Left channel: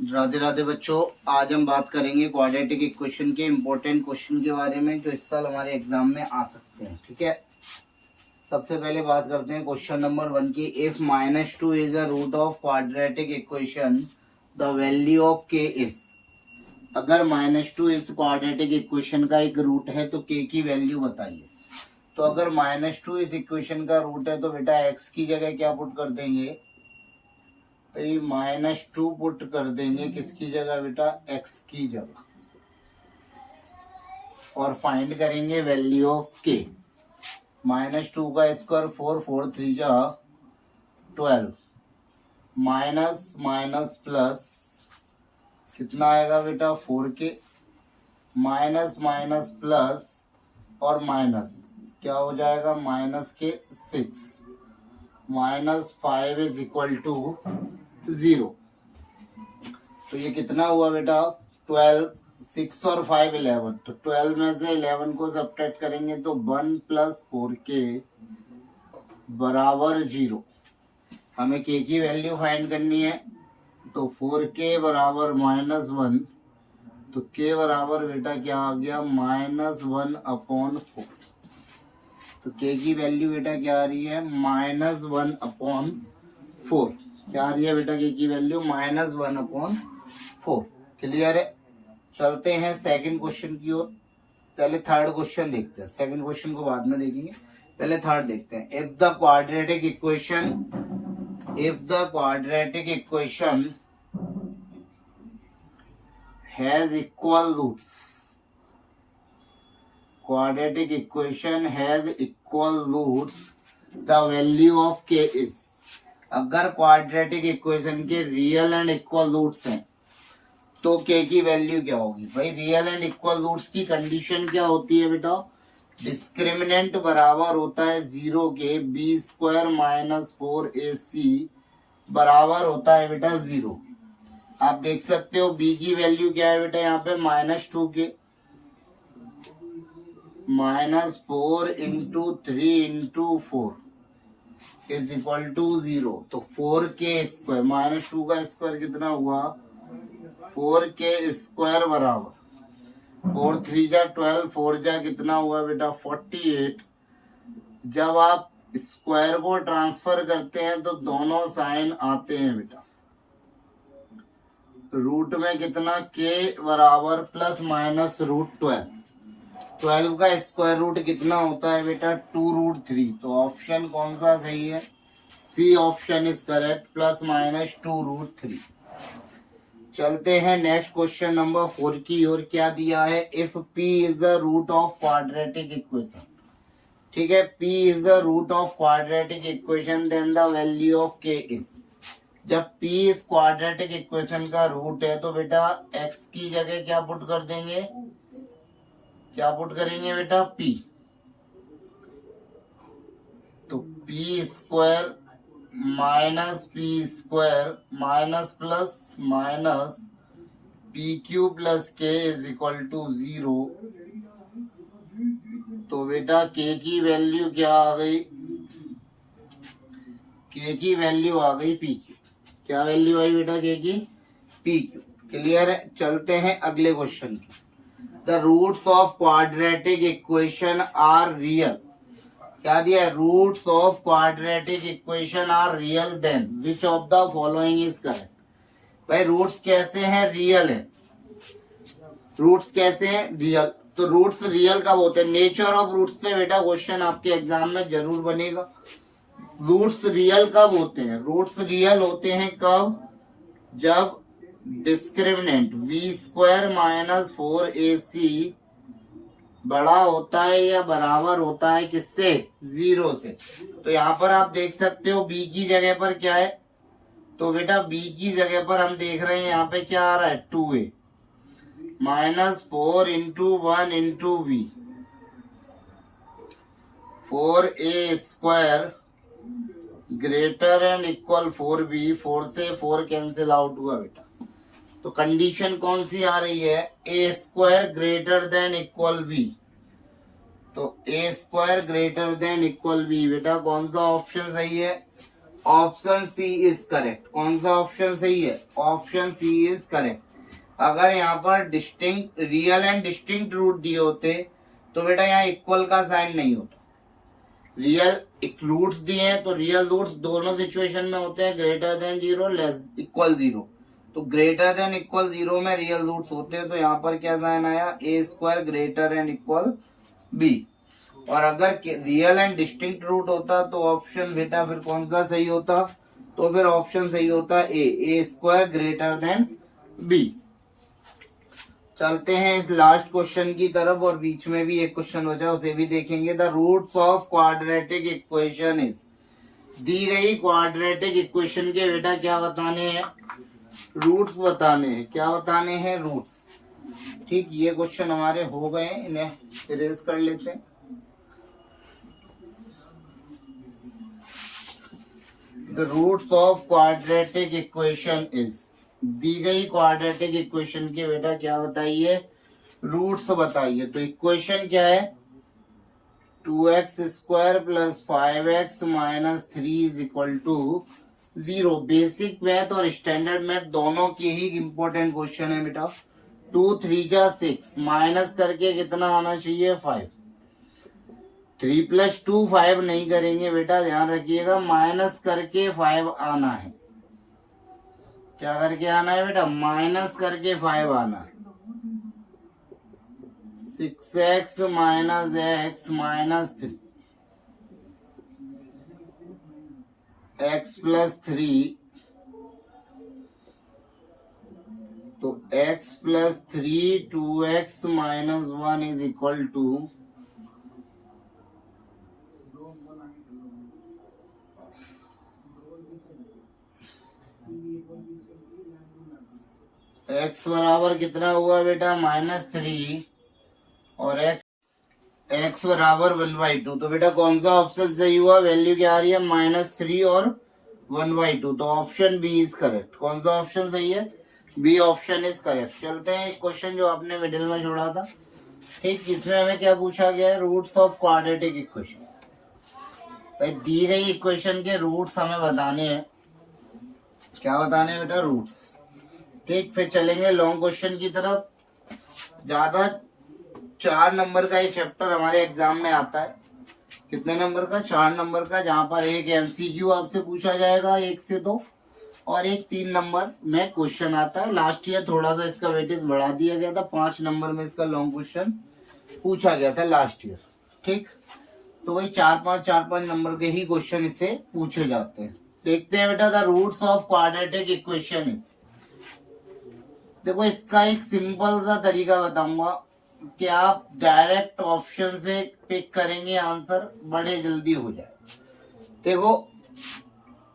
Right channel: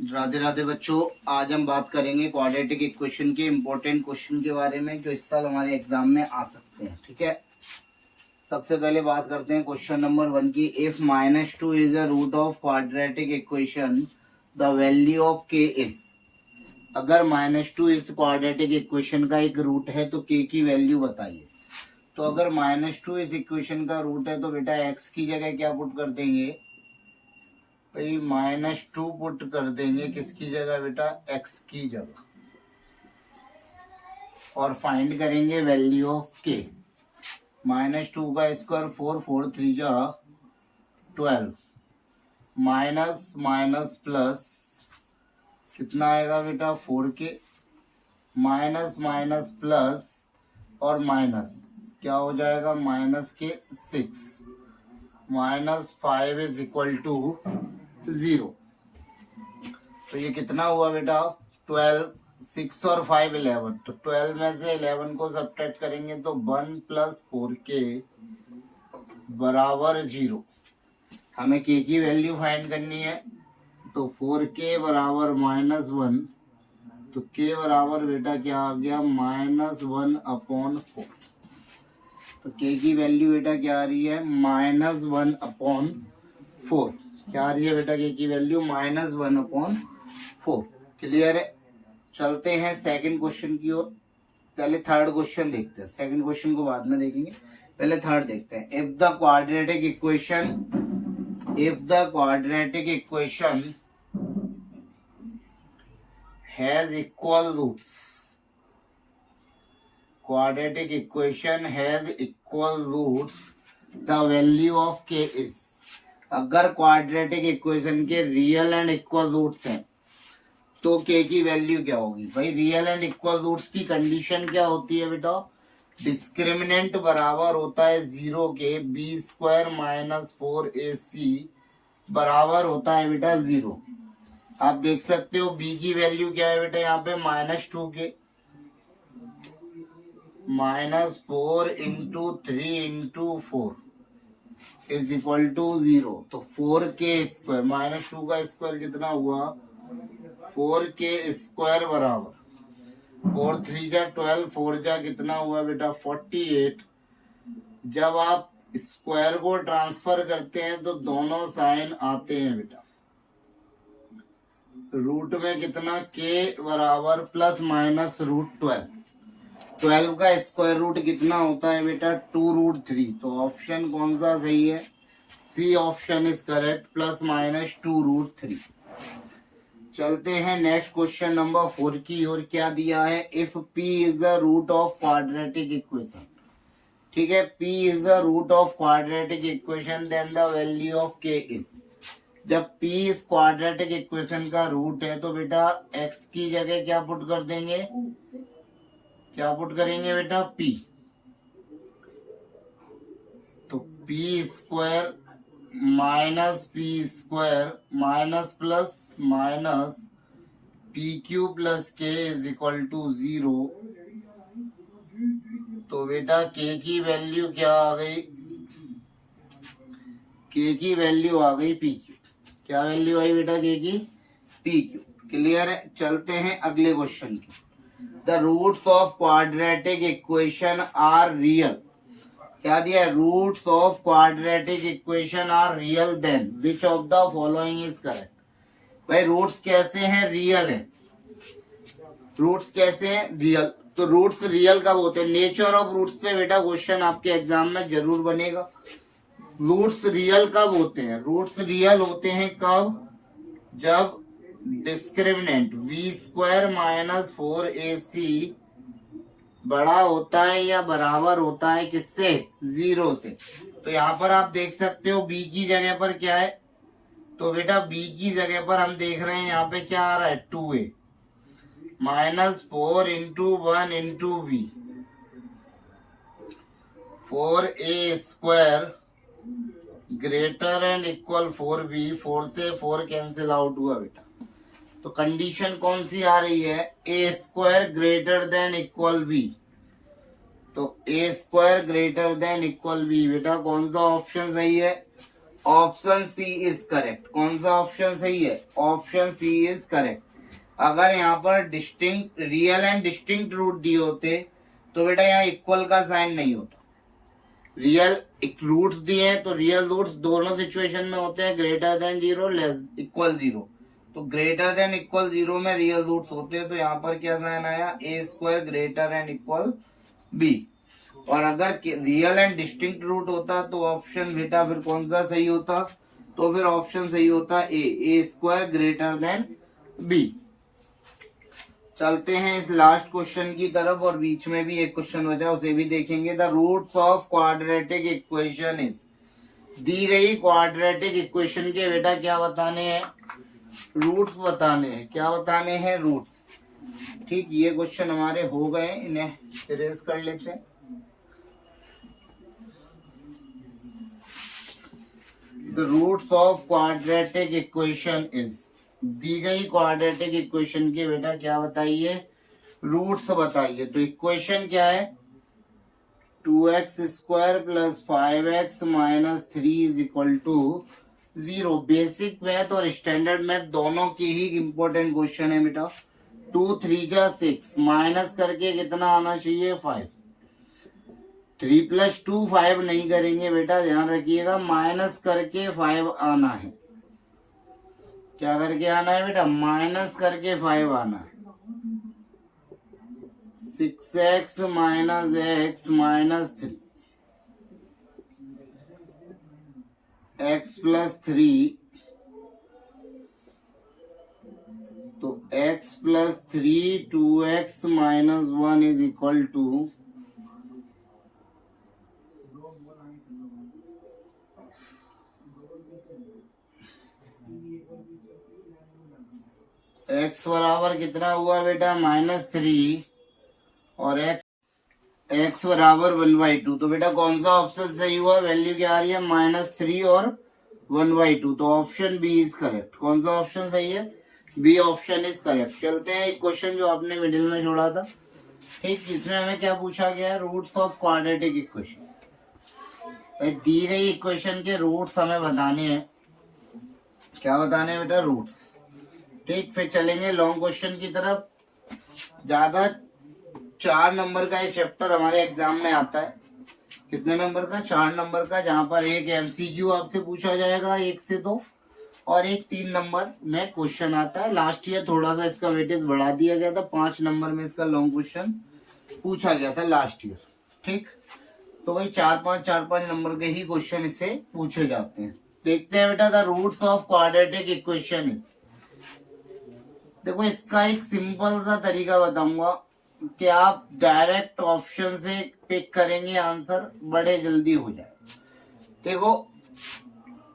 राधे राधे बच्चों, आज हम बात करेंगे क्वाड्रेटिक इक्वेशन के इम्पोर्टेंट क्वेश्चन के बारे में जो इस साल हमारे एग्जाम में आ सकते हैं। ठीक है, सबसे पहले बात करते हैं क्वेश्चन नंबर 1 की। If -2 is a root of quadratic equation the value of K is. अगर -2 इस क्वाड्रेटिक इक्वेशन का एक रूट है तो के की वैल्यू बताइए। तो अगर -2 इस इक्वेशन का रूट है तो बेटा एक्स की जगह क्या पुट कर देंगे भाई, -2 पुट कर देंगे किसकी जगह बेटा, x की जगह, और फाइंड करेंगे वैल्यू ऑफ k। -2 का स्क्वायर 4, 4 3 जा 12, माइनस माइनस प्लस कितना आएगा बेटा 4k, माइनस माइनस प्लस और माइनस क्या हो जाएगा -6, -5 इज इक्वल टू 0। तो ये कितना हुआ बेटा 12, 6 और 5 11। तो 12 में से 11 को सब्ट्रैक्ट करेंगे तो 1 + 4k बराबर 0। हमें k की वैल्यू फाइंड करनी है तो 4k बराबर -1, तो k बराबर बेटा क्या आ गया -1/4। तो k की वैल्यू बेटा क्या आ रही है -1/4। क्या आ रही है बेटा k की वैल्यू -1/4। क्लियर है। चलते हैं सेकंड क्वेश्चन की ओर। पहले थर्ड क्वेश्चन देखते हैं, सेकंड क्वेश्चन को बाद में देखेंगे, पहले थर्ड देखते हैं। If the quadratic equation has equal roots, quadratic equation has equal roots, the value of k is। अगर क्वाड्रेटिक इक्वेशन के रियल एंड इक्वल रूट्स हैं तो k की वैल्यू क्या होगी भाई। रियल एंड इक्वल रूट्स की कंडीशन क्या होती है बेटा, डिस्क्रिमिनेंट बराबर होता है 0 के, b² - 4ac बराबर होता है बेटा 0। आप देख सकते हो b की वैल्यू क्या है बेटा, यहाँ पे -2 के, -4 × 3 × 4 इज इक्वल टू 0। तो 4k², -2 का स्क्वायर कितना हुआ 4k² बराबर 4 3 जा 12, 4 जा कितना हुआ बेटा 48। जब आप स्क्वायर को ट्रांसफर करते हैं तो दोनों साइन आते हैं बेटा। रूट में कितना k बराबर ±√12। 12 का स्क्वायर रूट कितना होता है बेटा 2√3। तो ऑप्शन कौन सा सही है, सी ऑप्शन इज करेक्ट, ±2√3। चलते हैं नेक्स्ट क्वेश्चन नंबर 4 की ओर। क्या दिया है, if p is the root of quadratic equation. ठीक है, p is the root of quadratic equation then the value of k is. जब p इस क्वाड्रेटिक इक्वेशन का रूट है तो बेटा x की जगह क्या पुट कर देंगे, क्या पुट करेंगे बेटा p। तो p² -p² minus plus minus pq + k is equal to 0। तो बेटा k की वैल्यू क्या आ गई, k की वैल्यू आ गई pq। क्या वैल्यू आई बेटा k की, pq। क्लियर है। चलते हैं अगले क्वेश्चन की। The roots of quadratic equation are real। क्या दिया है, roots of quadratic equation are real then which of the following is correct. भाई रूट्स कैसे हैं, रियल है। रूट्स कैसे हैं, रियल। तो रूट्स रियल कब होते हैं, नेचर ऑफ रूट्स पे बेटा क्वेश्चन आपके एग्जाम में जरूर बनेगा। रूट्स रियल कब होते हैं, रूट्स रियल होते हैं कब, जब डिस्क्रिमिनेंट v² - 4ac बड़ा होता है या बराबर होता है किससे, 0 से। तो यहाँ पर आप देख सकते हो b की जगह पर क्या है, तो बेटा b की जगह पर हम देख रहे हैं यहाँ पे क्या आ रहा है 2a -4 × 1 × v, 4a² greater and equal 4b। 4 से 4 कैंसिल आउट हुआ बेटा। तो कंडीशन कौन सी आ रही है, a² greater than equal b। तो a² greater than equal b, बेटा कौन सा ऑप्शन सही है, ऑप्शन सी इज करेक्ट। कौन सा ऑप्शन सही है? Option C is correct. अगर यहाँ पर distinct real and distinct root दिए होते तो बेटा यहाँ इक्वल का साइन नहीं होता। रियल एक रूट्स दिए हैं तो रियल रूट्स दोनों सिचुएशन में होते हैं, ग्रेटर देन 0 लेस इक्वल 0। तो ग्रेटर देन इक्वल 0 में रियल रूट्स होते हैं, तो यहाँ पर क्या साइन आया? A square greater and equal B. और अगर रियल एंड डिस्टिंक्ट रूट होता तो ऑप्शन बेटा फिर कौन सा सही होता? तो फिर ऑप्शन सही होता ए स्क्वायर ग्रेटर देन बी। चलते हैं इस लास्ट क्वेश्चन की तरफ, और बीच में भी एक क्वेश्चन बचा उसे भी देखेंगे। The roots of quadratic equation is, दी गई क्वाड्रेटिक इक्वेशन के बेटा क्या बताने हैं? रूट्स बताने हैं। क्या बताने हैं? रूट्स। ठीक, ये क्वेश्चन हमारे हो गए, इन्हें इरेज कर लेते हैं। The roots of quadratic equation is, दी गई क्वाड्रेटिक इक्वेशन के बेटा क्या बताइए? रूट्स बताइए। तो इक्वेशन क्या है? 2x square plus 5x minus 3 is equal to 0। Basic math और स्टैंडर्ड मैथ दोनों के ही इंपॉर्टेंट क्वेश्चन है बेटा। 2 3 जा 6, माइनस करके कितना आना चाहिए? 5। 3 प्लस 2 5 नहीं करेंगे बेटा, ध्यान रखिएगा, माइनस करके 5 आना है। क्या करके आना है बेटा? माइनस करके 5 आना है। 6x minus x minus 3, x plus 3, तो x plus 3 2x minus 1 is equal to x बराबर कितना हुआ बेटा? -3 और x बराबर 1/2। तो बेटा कौन सा ऑप्शन सही हुआ? वैल्यू क्या आ रही है? -3 और 1/2। तो ऑप्शन बी इज करेक्ट। कौन सा ऑप्शन सही है? B option is correct. चलते हैं एक क्वेश्चन जो आपने मिडिल में छोड़ा था। ठीक, इसमें हमें क्या पूछा गया है? Roots of quadratic equation. भाई दी गई इक्वेशन के रूट्स हमें बताने हैं। क्या बताने हैं बेटा? रूट्स। ठीक, फिर चलेंगे लॉन्ग क्वेश्चन की तरफ। ज्यादा 4 नंबर का ये चैप्टर हमारे एग्जाम में आता है। कितने नंबर का? 4 नंबर का, जहां पर एक एमसीक्यू आपसे पूछा जाएगा 1 से 2, और एक 3 नंबर में क्वेश्चन आता है। लास्ट ईयर थोड़ा सा इसका वेटेज बढ़ा दिया गया था, 5 नंबर में इसका लॉन्ग क्वेश्चन पूछा गया था लास्ट ईयर। ठीक, तो वही 4-5 नंबर के ही क्वेश्चन इससे पूछे जाते हैं। देखते हैं बेटा, the roots of quadratic equation is. देखो इसका एक सिंपल सा तरीका बताऊंगा कि आप डायरेक्ट ऑप्शन से पिक करेंगे, आंसर बड़े जल्दी हो जाए। देखो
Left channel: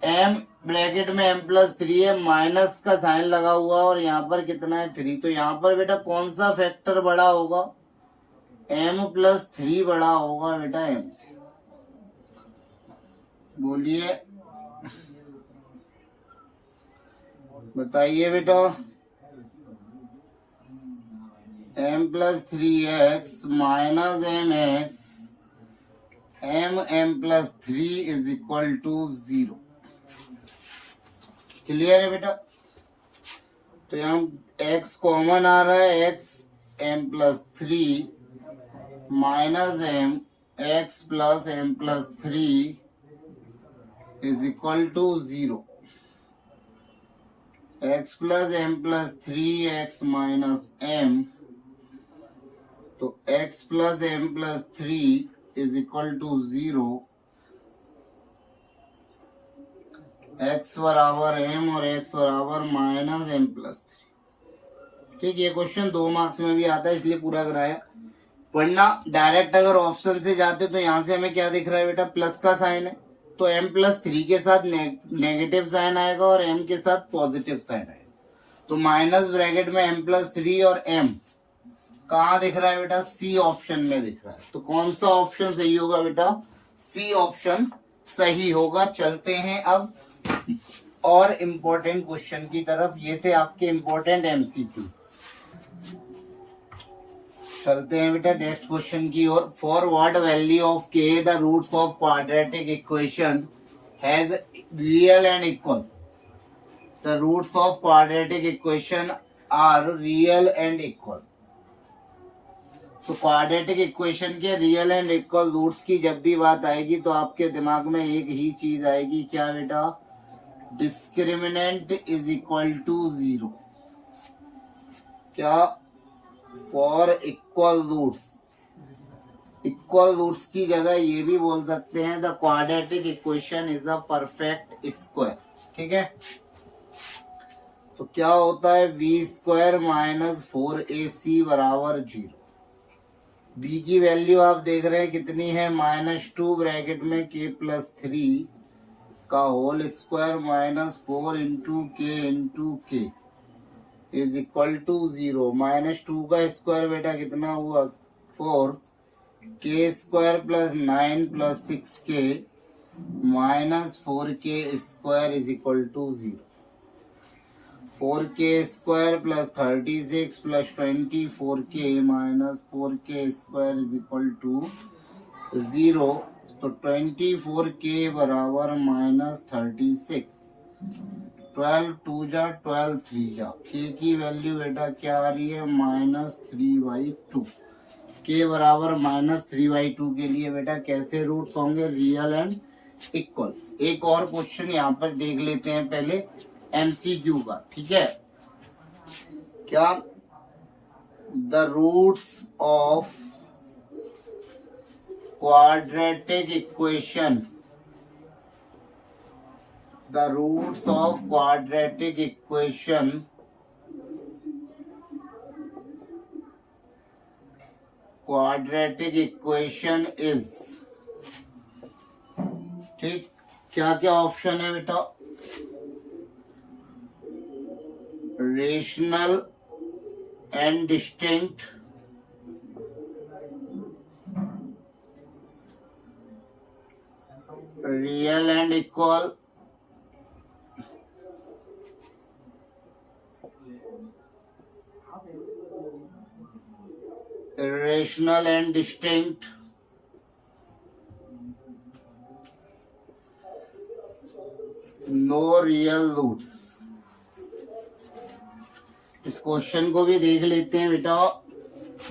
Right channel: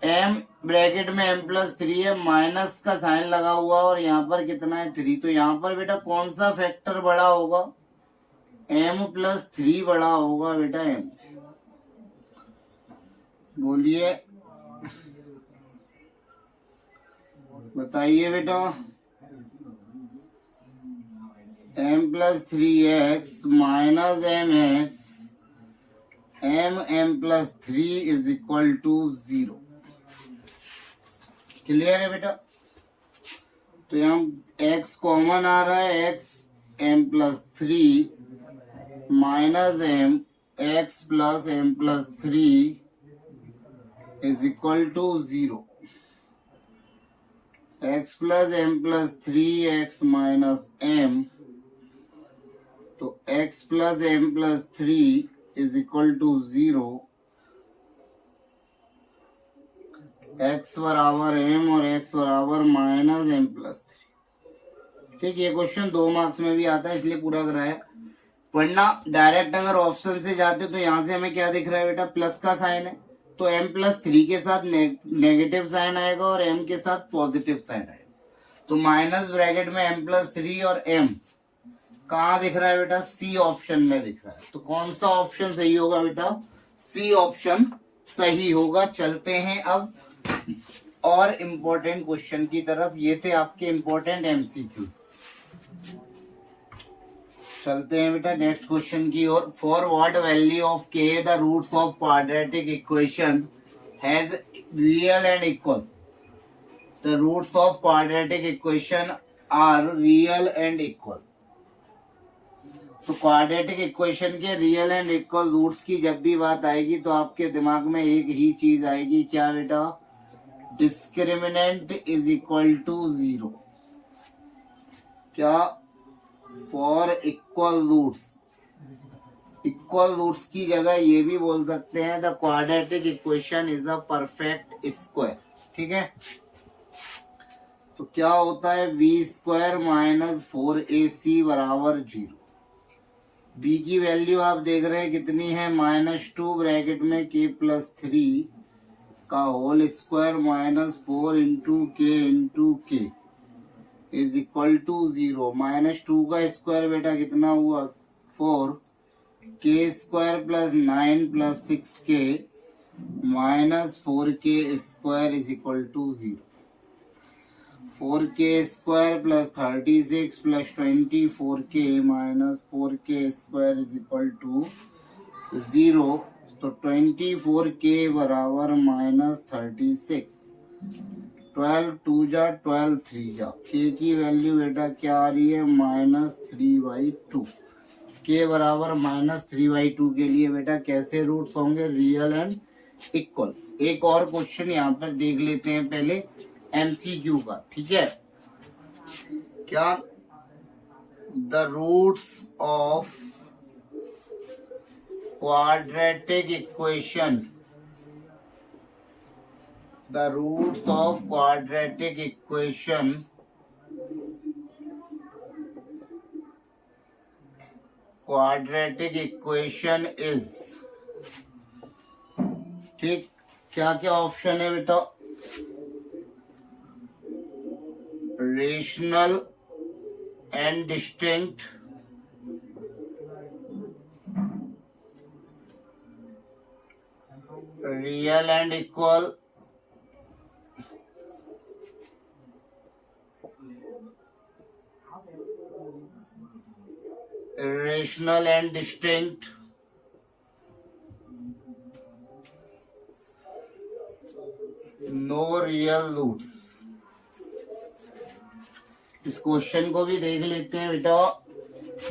m ब्रैकेट में m+3 है, माइनस का साइन लगा हुआ और यहाँ पर कितना है? 3। तो यहाँ पर बेटा कौन सा फैक्टर बड़ा होगा? m+3 बड़ा होगा बेटा m से। बोलिए, बताइए बेटा। m+3x minus mx, m+3 is equal to 0। Clear है बेटा? तो यहाँ x कॉमन आ रहा है, x m+3 minus m x plus m+3 is equal to 0। x plus m+3 x minus m, तो x plus m+3 is equal to 0। x बराबर m और x बराबर माइनस m+3। ठीक, ये क्वेश्चन 2 मार्क्स में भी आता है, इसलिए पूरा कराया। वरना डायरेक्ट अगर ऑप्शन से जाते तो यहाँ से हमें क्या दिख रहा है बेटा? प्लस का साइन है, तो m+3 के साथ नेगेटिव साइन आएगा और m के साथ पॉजिटिव साइन आएगा। तो माइनस ब्रैकेट में m+3 और m कहाँ दिख रहा है बेटा? सी ऑप्शन में दिख रहा है। तो कौन सा ऑप्शन सही होगा बेटा? सी ऑप्शन सही होगा। चलते हैं अब और इम्पोर्टेंट क्वेश्चन की तरफ। ये थे आपके इम्पोर्टेंट एमसीक्यूज। चलते हैं बेटा नेक्स्ट क्वेश्चन की ओर। For what value of k the roots of quadratic equation has real and equal. The roots of quadratic equation are real and equal. तो क्वाड्रेटिक इक्वेशन के रियल एंड इक्वल रूट्स की जब भी बात आएगी तो आपके दिमाग में एक ही चीज आएगी, क्या बेटा? Discriminant is equal to 0. क्या? For equal roots. Equal roots की जगह ये भी बोल सकते हैं the quadratic equation is a perfect square. ठीक है, तो क्या होता है? v² माइनस 4ac बराबर 0. b की वैल्यू आप देख रहे हैं कितनी है? -2 ब्रैकेट में k प्लस 3 का whole square minus 4 into k is equal to 0. -2 का स्क्वायर बेटा कितना हुआ? 4. k² plus 9 plus 6k minus 4k square is equal to 0. 4k² plus 36 plus 24k minus 4k square is equal to 0. तो 24k बराबर minus 36. 12 2 जा 12 3 जा. k की value बेटा क्या आ रही है? -3/2. k बराबर -3/2 के लिए बेटा कैसे रूट्स होंगे? Real and equal. एक और क्वेश्चन यहाँ पर देख लेते हैं पहले MCQ का. ठीक है, क्या? The roots of quadratic equation, the roots of quadratic equation is. ठीक, क्या क्या ऑप्शन है बेटा? Rational and distinct, real and equal, irrational and distinct, no real roots. इस क्वेश्चन को भी देख लेते हैं बेटा.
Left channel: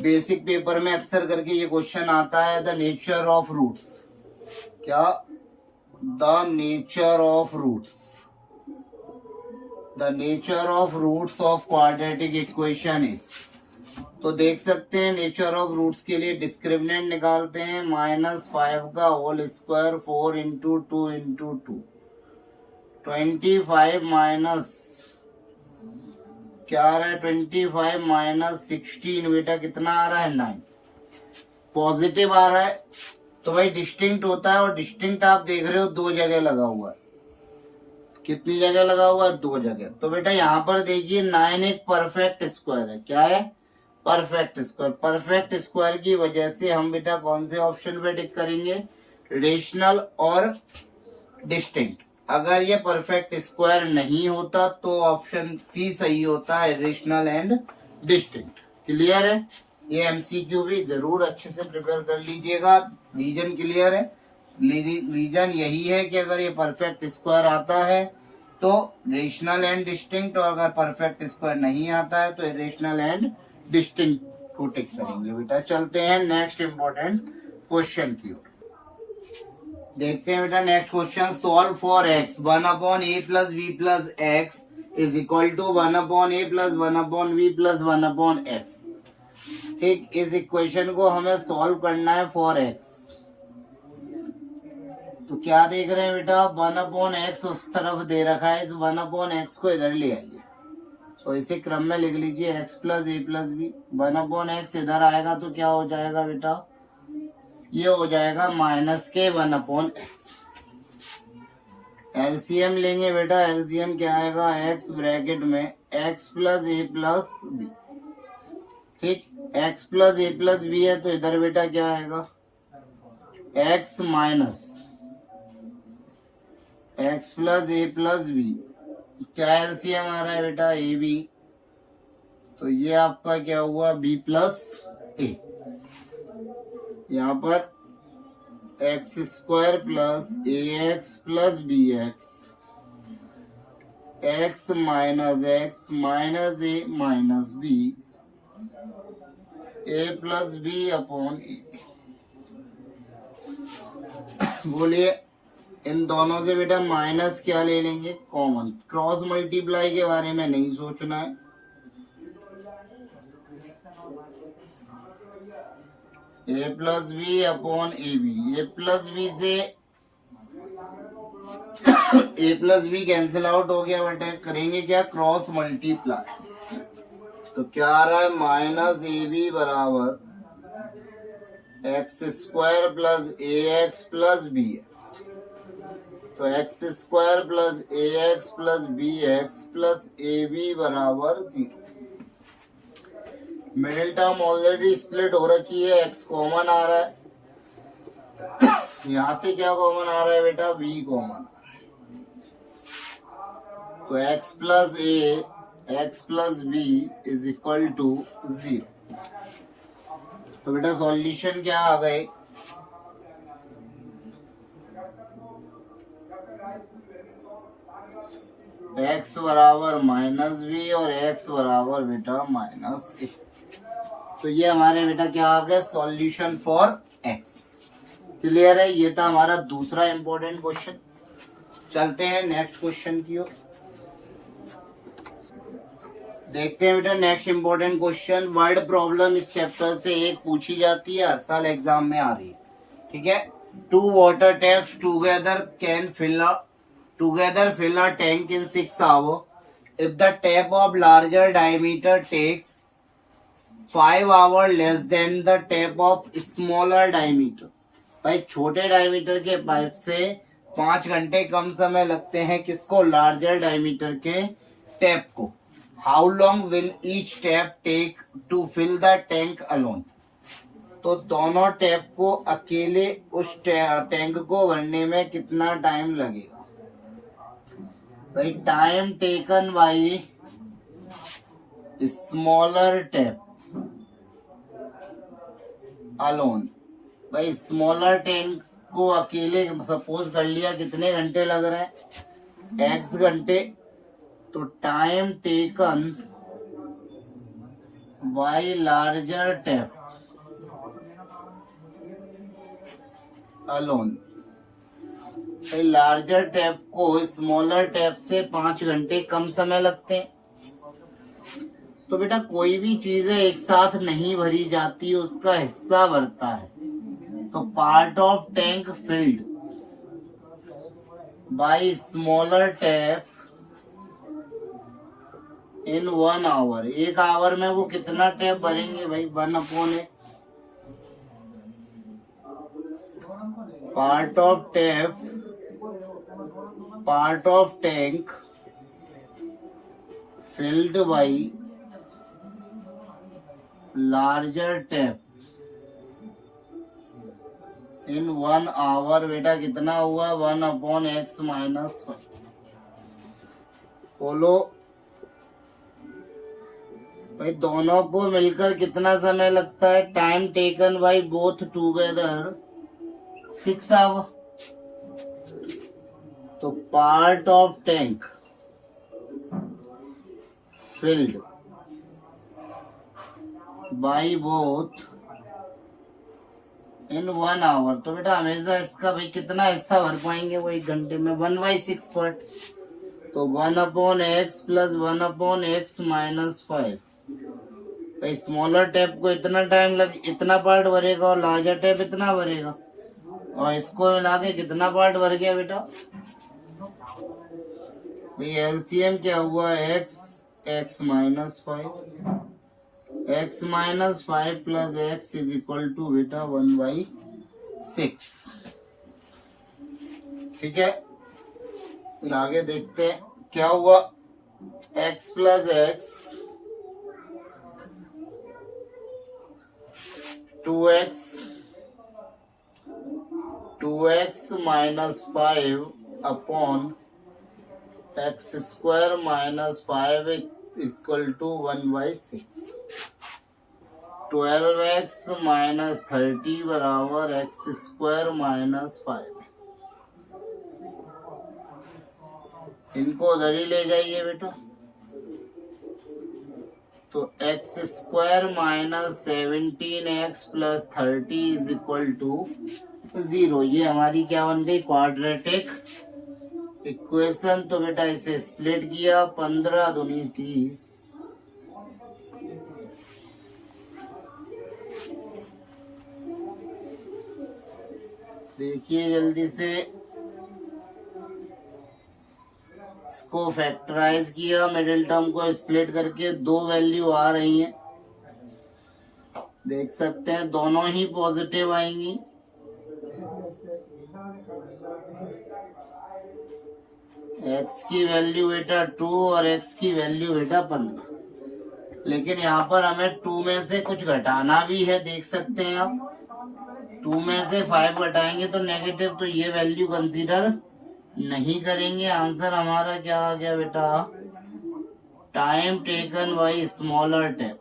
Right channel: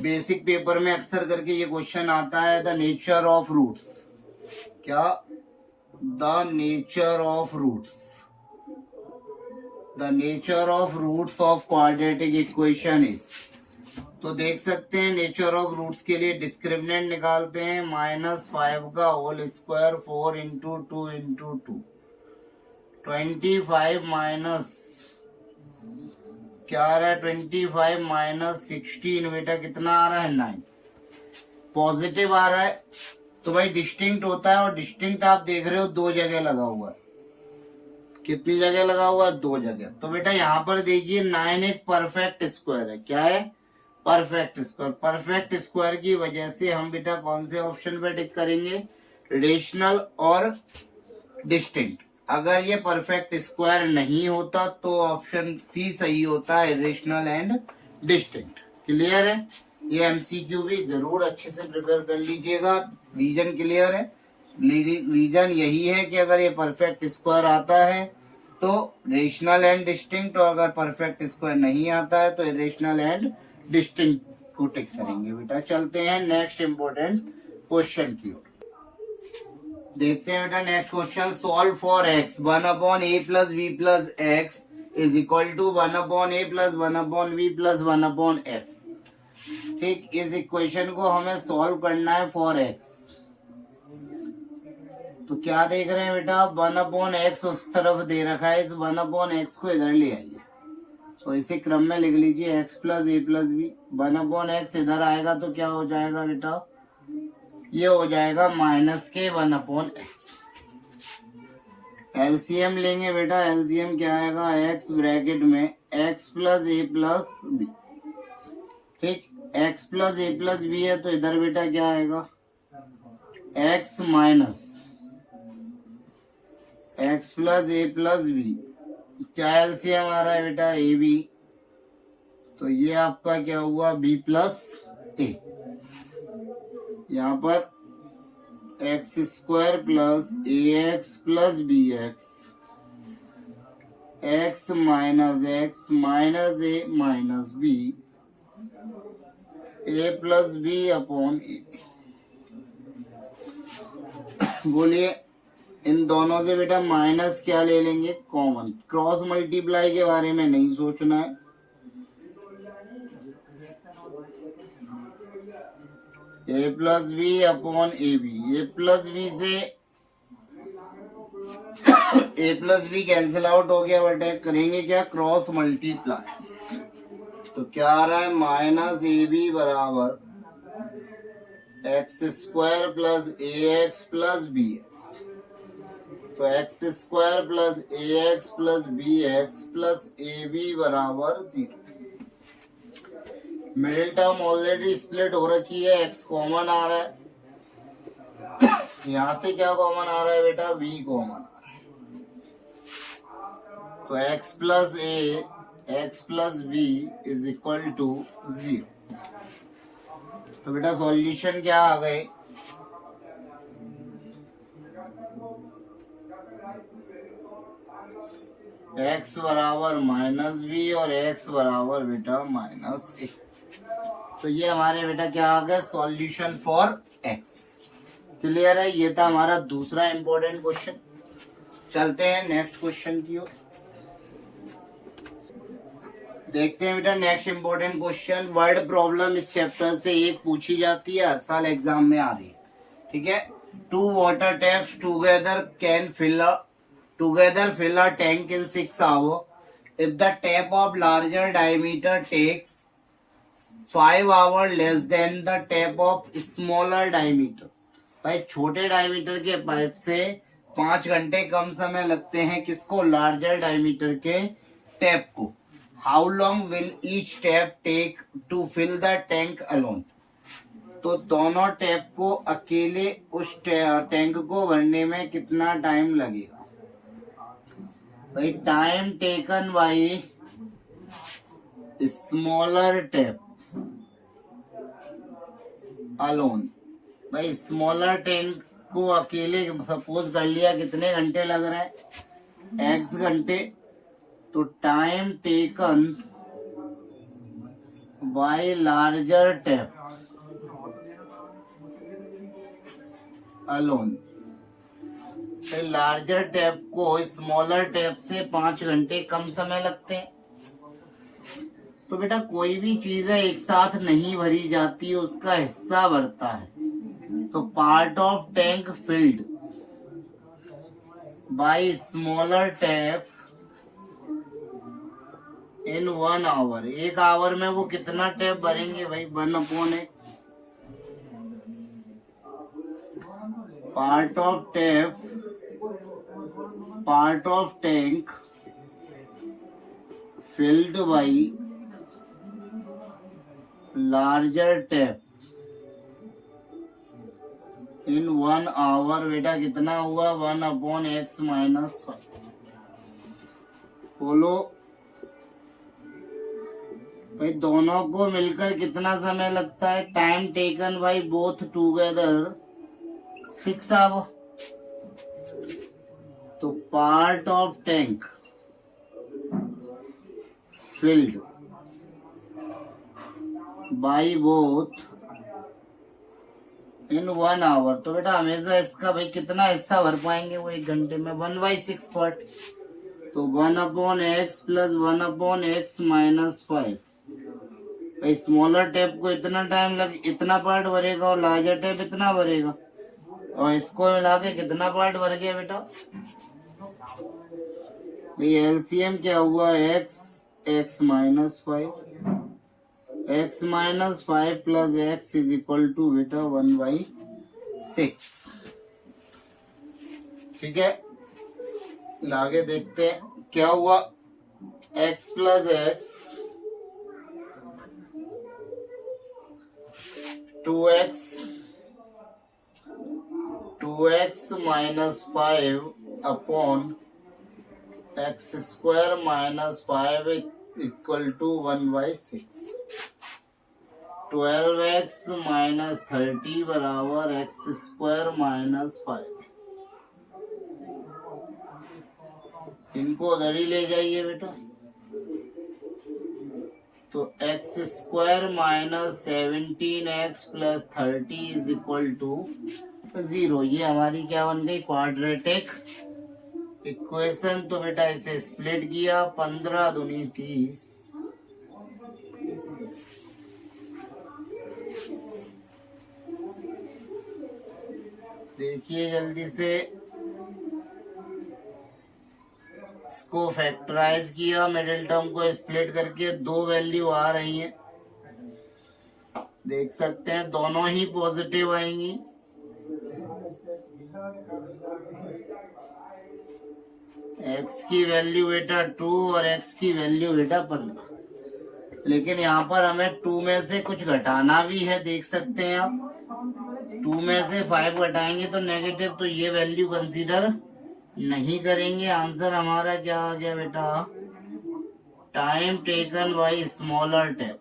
बेसिक पेपर में अक्सर करके ये क्वेश्चन आता है, द नेचर ऑफ रूट्स. क्या? The nature of roots. The nature of roots of quadratic equation is. तो देख सकते हैं नेचर ऑफ रूट्स के लिए डिस्क्रिमिनेंट निकालते हैं. -5 का whole square 4 into 2 into 2. 25 minus क्या आ रहा है? 25 माइनस 16 बेटा कितना आ रहा है? 9. पॉजिटिव आ रहा है तो भाई डिस्टिंक्ट होता है, और डिस्टिंक्ट आप देख रहे हो 2 जगह लगा हुआ है. कितनी जगह लगा हुआ है? 2 जगह. तो बेटा यहाँ पर देखिए 9 एक परफेक्ट स्क्वायर है. क्या है? Perfect square. परफेक्ट स्क्वायर की वजह से हम बेटा कौन से ऑप्शन पे टिक करेंगे? रेशनल और डिस्टिंक्ट. अगर ये परफेक्ट स्क्वायर नहीं होता तो ऑप्शन सी सही होता है, रेशनल एंड डिस्टिंक्ट. क्लियर है? ये MCQ भी जरूर अच्छे से प्रिपेयर कर लीजिएगा. रीजन क्लियर है? रीजन यही है कि अगर ये परफेक्ट स्क्वायर आता है तो रेशनल एंड डिस्टिंक्ट, और अगर परफेक्ट स्क्वायर नहीं आता है तो रेशनल एंड डिस्टिंक्ट को टिक करेंगे बेटा. चलते हैं नेक्स्ट इंपॉर्टेंट क्वेश्चन की ओर. देखते हैं बेटा next question. Solve for x 1/a plus v plus x is equal to 1/a plus 1/v plus 1/x. ठीक, इस इक्वेशन को हमें सॉल्व करना है फॉर x. तो क्या देख रहे हैं बेटा? 1/x उस तरफ दे रखा है, इस 1/x को इधर ले आइए. तो इसे क्रम में लिख लीजिए x plus a plus b. 1/x इधर आएगा तो क्या हो जाएगा बेटा? ये हो जाएगा -k 1/x. एलसीएम लेंगे बेटा. एलसीएम क्या आएगा? x ब्रैकेट में x plus a plus b. ठीक, x plus a plus b है तो इधर बेटा क्या आएगा? x minus x plus a plus b. क्या एलसीएम आ रहा है बेटा? A B. तो ये आपका क्या हुआ? b plus a. यहाँ पर x square plus a x plus b x, x minus a minus b, a plus b upon a. बोलिए इन दोनों से बेटा माइनस क्या ले लेंगे, कॉमन। क्रॉस मल्टीप्लाई के बारे में नहीं सोचना है। A plus b upon a b, a plus b से a plus b cancel out हो गया बेटा, करेंगे क्या, क्रॉस मल्टीप्लाई। तो क्या आ रहा है, माइनस ए बी बराबर x square plus a x plus b x. तो x square plus a x plus b x plus a b बराबर 0। मिडिल टर्म ऑलरेडी स्प्लिट हो रखी है, एक्स कॉमन आ रहा है। यहां से क्या कॉमन आ रहा है बेटा, बी कॉमन आ रहा है। तो x plus a x plus b is equal to 0। तो बेटा सॉल्यूशन क्या आ गए, एक्स बराबर माइनस बी और एक्स बराबर बेटा माइनस ए। तो ये हमारे बेटा क्या आ गया, सॉल्यूशन फॉर एक्स। क्लियर है, ये था हमारा दूसरा इंपॉर्टेंट क्वेश्चन। चलते हैं नेक्स्ट क्वेश्चन की ओर, देखते हैं बेटा next important question. Word problem इस चैप्टर से एक पूछी जाती है, हर साल एग्जाम में आ रही है, ठीक है। 2 water taps together fill a tank in 6 hours. If the tap of larger diameter takes 5 hours less than the tap of smaller diameter. भाई छोटे डायमीटर के पाइप से 5 घंटे कम समय लगते हैं किसको, लार्जर डायमीटर के टैप को। How long will each tap take to fill the tank alone. तो दोनों टैप को अकेले उस टैंक को भरने में कितना टाइम लगेगा। भाई time taken by smaller tap alone. भाई स्मॉलर टैंक को अकेले सपोज कर लिया कितने घंटे लग रहा है, एक्स घंटे। तो time taken by larger tap alone. Larger tap को स्मॉलर टैप से 5 घंटे कम समय लगते हैं। तो बेटा कोई भी चीज है एक साथ नहीं भरी जाती, उसका हिस्सा भरता है। तो part of tank filled by smaller tap in 1 hour. 1 hour में वो कितना टैप भरेंगे भाई, 1/x। Part of tank filled by larger tap in 1 hour. बेटा कितना हुआ, 1/x माइनस 5। बोलो भाई दोनों को मिलकर कितना समय लगता है, time taken by both together 6 hour. तो part of tank filled by both in 1 hour. तो बेटा हमेशा इसका भाई कितना हिस्सा भर पाएंगे वो 1 घंटे में, 1/6 पार्ट। तो 1/x प्लस 1/x माइनस 5। भाई स्मॉलर टैप को इतना टाइम इतना पार्ट भरेगा और लार्जर टैप इतना भरेगा, और इसको मिला के कितना पार्ट भर गया बेटा। भाई एलसीएम क्या हुआ, x minus 5, x minus 5 plus x is equal to बेटा 1/6। ठीक है, आगे देखते हैं क्या हुआ। x plus x 2x minus 5 upon x square minus 5 equal to 1/6। 12x minus 30 बराबर एक्स स्क्वायर माइनस 5। इनको उधर ही ले जाइए बेटा। तो x square minus 17x plus 30 is equal to 0। ये हमारी क्या बन गई, क्वाड्रेटिक इक्वेशन। तो बेटा इसे स्प्लिट किया, 15 दूनी 30। देखिए जल्दी से, इसको फैक्टराइज किया, मिडिल टर्म को स्प्लिट करके 2 वैल्यू आ रही हैं, देख सकते हैं दोनों ही पॉजिटिव आएंगी। x की वैल्यू बेटा 2 और x की वैल्यू बेटा 15। लेकिन यहाँ पर हमें 2 में से कुछ घटाना भी है, देख सकते हैं आप। 2 में से 5 घटाएंगे तो नेगेटिव, तो ये वैल्यू कंसीडर नहीं करेंगे। आंसर हमारा क्या आ गया बेटा, time taken by smaller tap.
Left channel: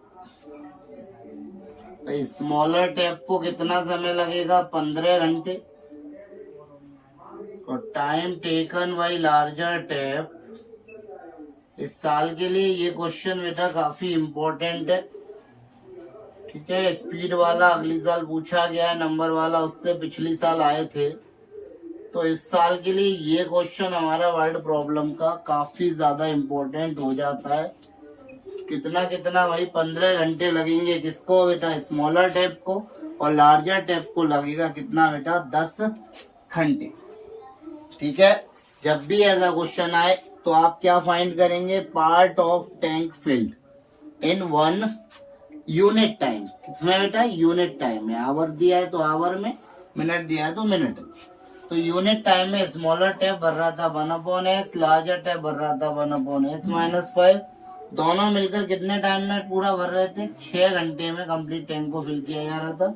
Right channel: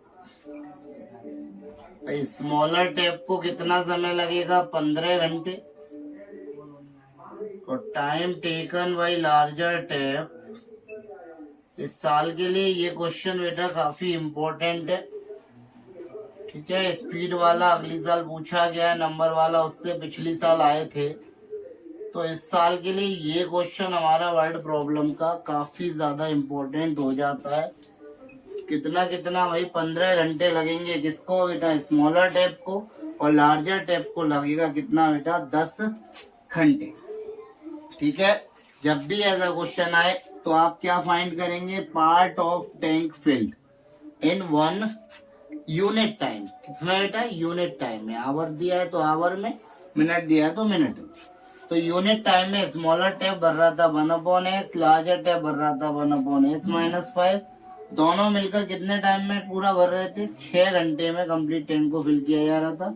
Smaller tap को कितना समय लगेगा, 15 घंटे। और time taken by larger tap इस साल के लिए ये क्वेश्चन बेटा काफी इम्पोर्टेंट है। ठीक है, स्पीड वाला अगली साल पूछा गया है, नंबर वाला उससे पिछली साल आए थे। तो इस साल के लिए ये क्वेश्चन हमारा वर्ड प्रॉब्लम का काफी ज्यादा इम्पोर्टेंट हो जाता है। कितना कितना भाई, 15 घंटे लगेंगे किसको बेटा, स्मॉलर टैप को, और लार्जर टैप को लगेगा कितना बेटा, 10 घंटे। ठीक है, जब भी ऐसा क्वेश्चन आए तो आप क्या फाइंड करेंगे, part of tank filled in 1 unit time. किसमें बेटा, यूनिट टाइम में। आवर दिया है तो आवर में, मिनट दिया है तो मिनट में। तो यूनिट टाइम में स्मॉलर टैप भर रहा था 1/x, लार्जर टैप भर रहा था 1/x माइनस 5। दोनों मिलकर कितने टाइम में पूरा भर रहे थे, 6 घंटे में कंप्लीट टैंक को फिल किया जा रहा था।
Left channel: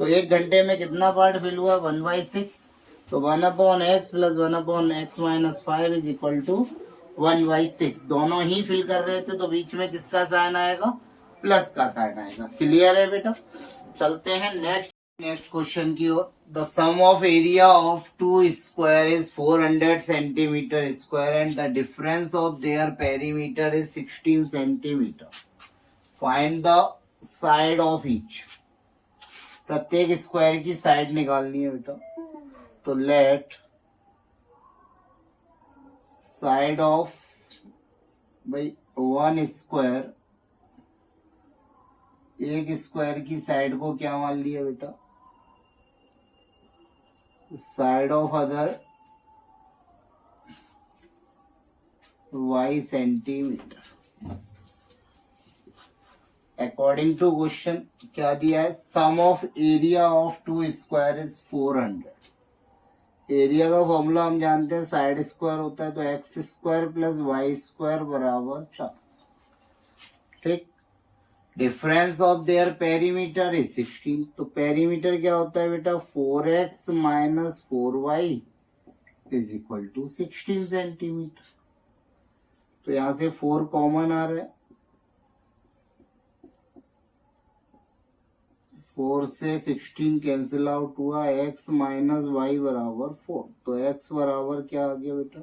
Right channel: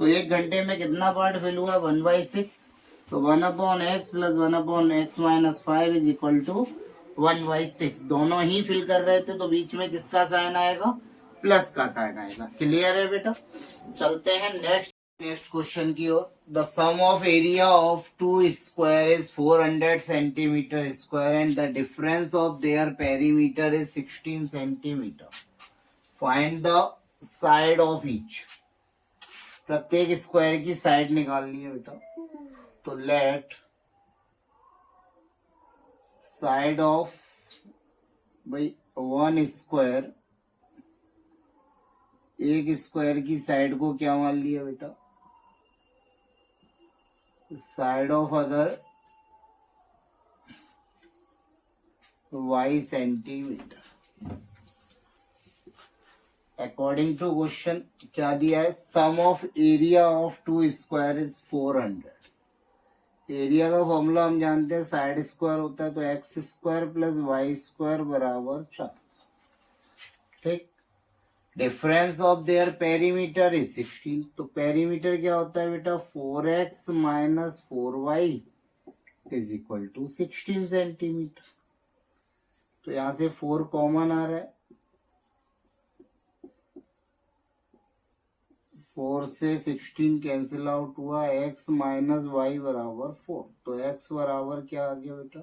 तो 1 घंटे में कितना पार्ट फिल हुआ, 1/6। तो 1/x plus 1/x minus 5 is equal to 1/6। दोनों ही फिल कर रहे थे, तो बीच में किसका साइन आएगा, प्लस का साइन आएगा। क्लियर है बेटा। चलते हैं नेक्स्ट क्वेश्चन की ओर। The sum of area of 2 square is 400 centimetre square and the difference of their perimeter is 16 centimetre. Find the side of each. प्रत्येक स्क्वायर की साइड निकालनी है बेटा। तो लेट साइड ऑफ भाई 1 स्क्वायर, एक स्क्वायर की साइड को क्या मान लिया बेटा, side of other y centimetre. According to question क्या दिया है, sum of area of 2 square is 400। Area का फॉर्मूला हम जानते हैं, साइड स्क्वायर होता है, तो x square plus y square बराबर 4। ठीक, difference of their perimeter is 16। तो पेरीमीटर क्या होता है बेटा, 4x minus 4y is equal to 16 centimetre. तो यहां से 4 कॉमन आ रहा है, 4 से 16 कैंसिल आउट हुआ, x माइनस वाई बराबर 4। तो x बराबर क्या आ गया बेटा,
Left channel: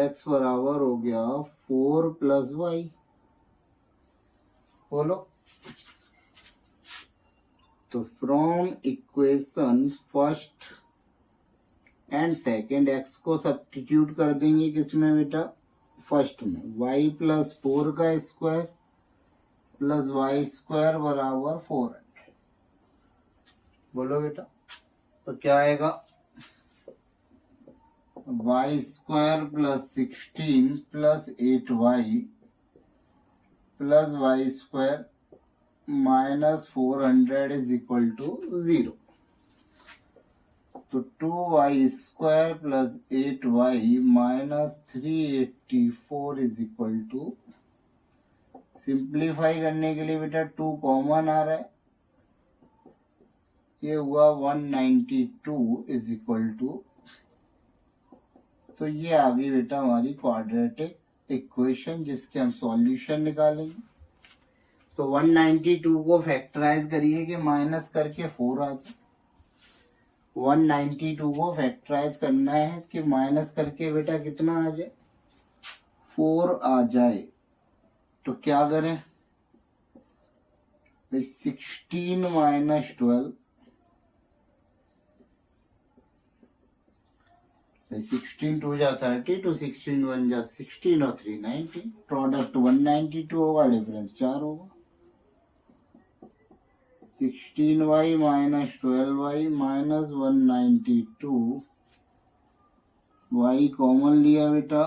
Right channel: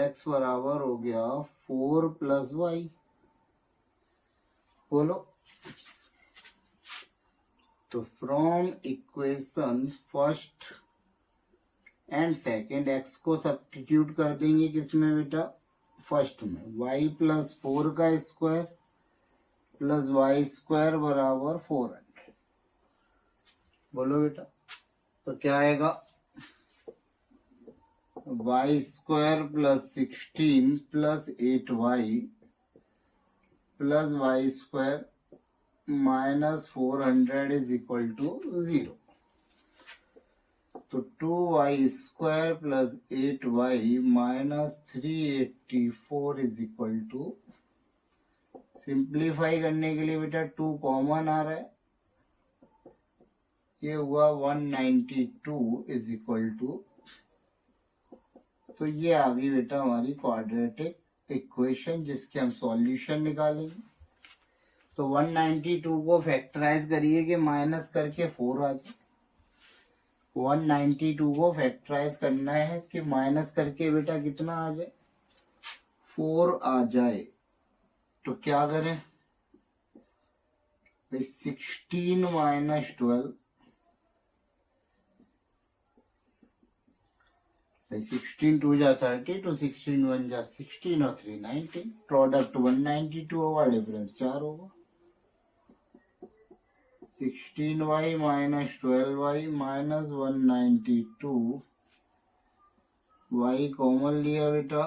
x बराबर हो गया 4 प्लस वाई। बोलो। तो from equation first and second x को सब्स्टिट्यूट कर देंगे किसमें बेटा, फर्स्ट में। y प्लस 4 का स्क्वायर प्लस वाई स्क्वायर बराबर 400। बोलो बेटा। तो क्या आएगा, y square plus 16 plus 8y plus y square minus 400 is equal to 0। तो 2y square plus 8y minus 384 is equal to, simplify करने के लिए बेटा 2 कॉमन आ रहा है, ये हुआ 192 इज इक्वल टू। तो ये आ गई बेटा हमारी क्वाड्रेटिक इक्वेशन, जिसके हम सॉल्यूशन निकालेंगे। तो 192 को फैक्टराइज करिए कि माइनस करके 4 आ जाए। 192 को फैक्टराइज करना है कि माइनस करके बेटा कितना आ जाए, 4 आ जाए। तो क्या करें भाई, 16 माइनस 12, 16 2 जा 30, तो 16 1 जा 16 और 3 19, प्रोडक्ट 192 होगा, डिफरेंस 4 होगा। 16y minus 12y minus 192, y common लिया बेटा,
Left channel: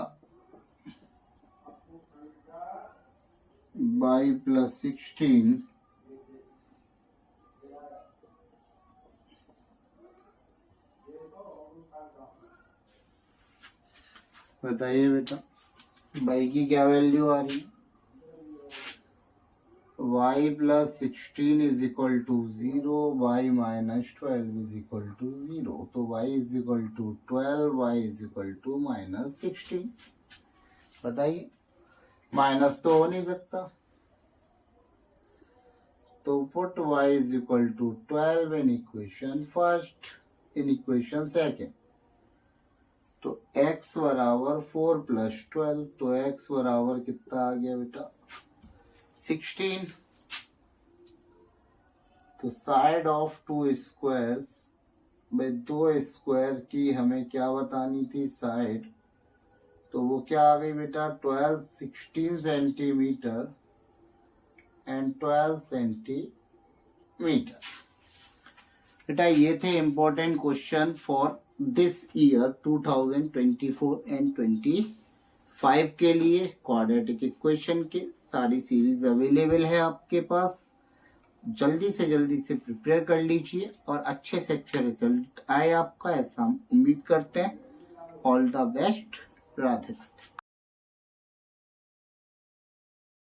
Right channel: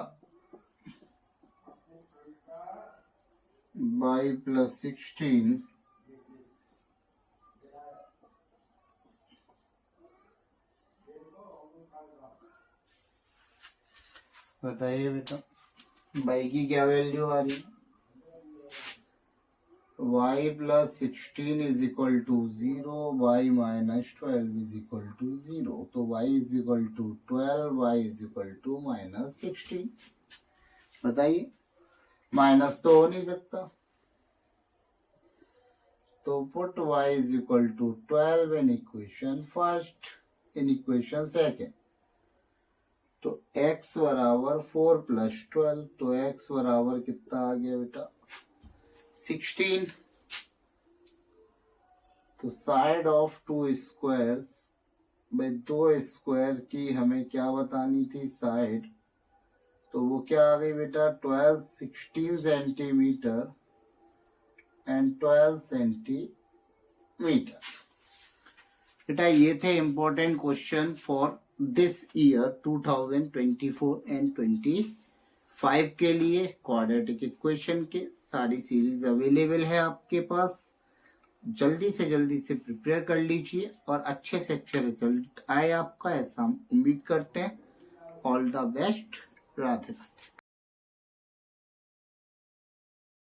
y प्लस 16 बताइए बेटा y की क्या वैल्यू आ रही है, y plus 16 is equal to 0, y minus 12 is equal to 0, तो y is equal to 12, y is equal to minus 16। बताइए, माइनस तो हो नहीं सकता, तो put y is equal to 12 in equation first, in equation second. तो x बराबर 4 plus 12, तो x बराबर कितना आ गया बेटा, 16। तो साइड ऑफ टू स्क्वायर्स, भाई 2 स्क्वायर की हमें क्या बतानी थी साइड, तो वो क्या आ गई बेटा, 16 सेंटीमीटर एंड 12 सेंटीमीटर। बेटा ये थे important question for this year 2024 and 25 के लिए। क्वाड्रेटिक इक्वेशन के सारी सीरीज अवेलेबल है आपके पास, जल्दी से प्रिपेयर कर लीजिए और अच्छे से अच्छे रिजल्ट आए आपका, ऐसा हम उम्मीद करते हैं। All the best, Radhe Radhe.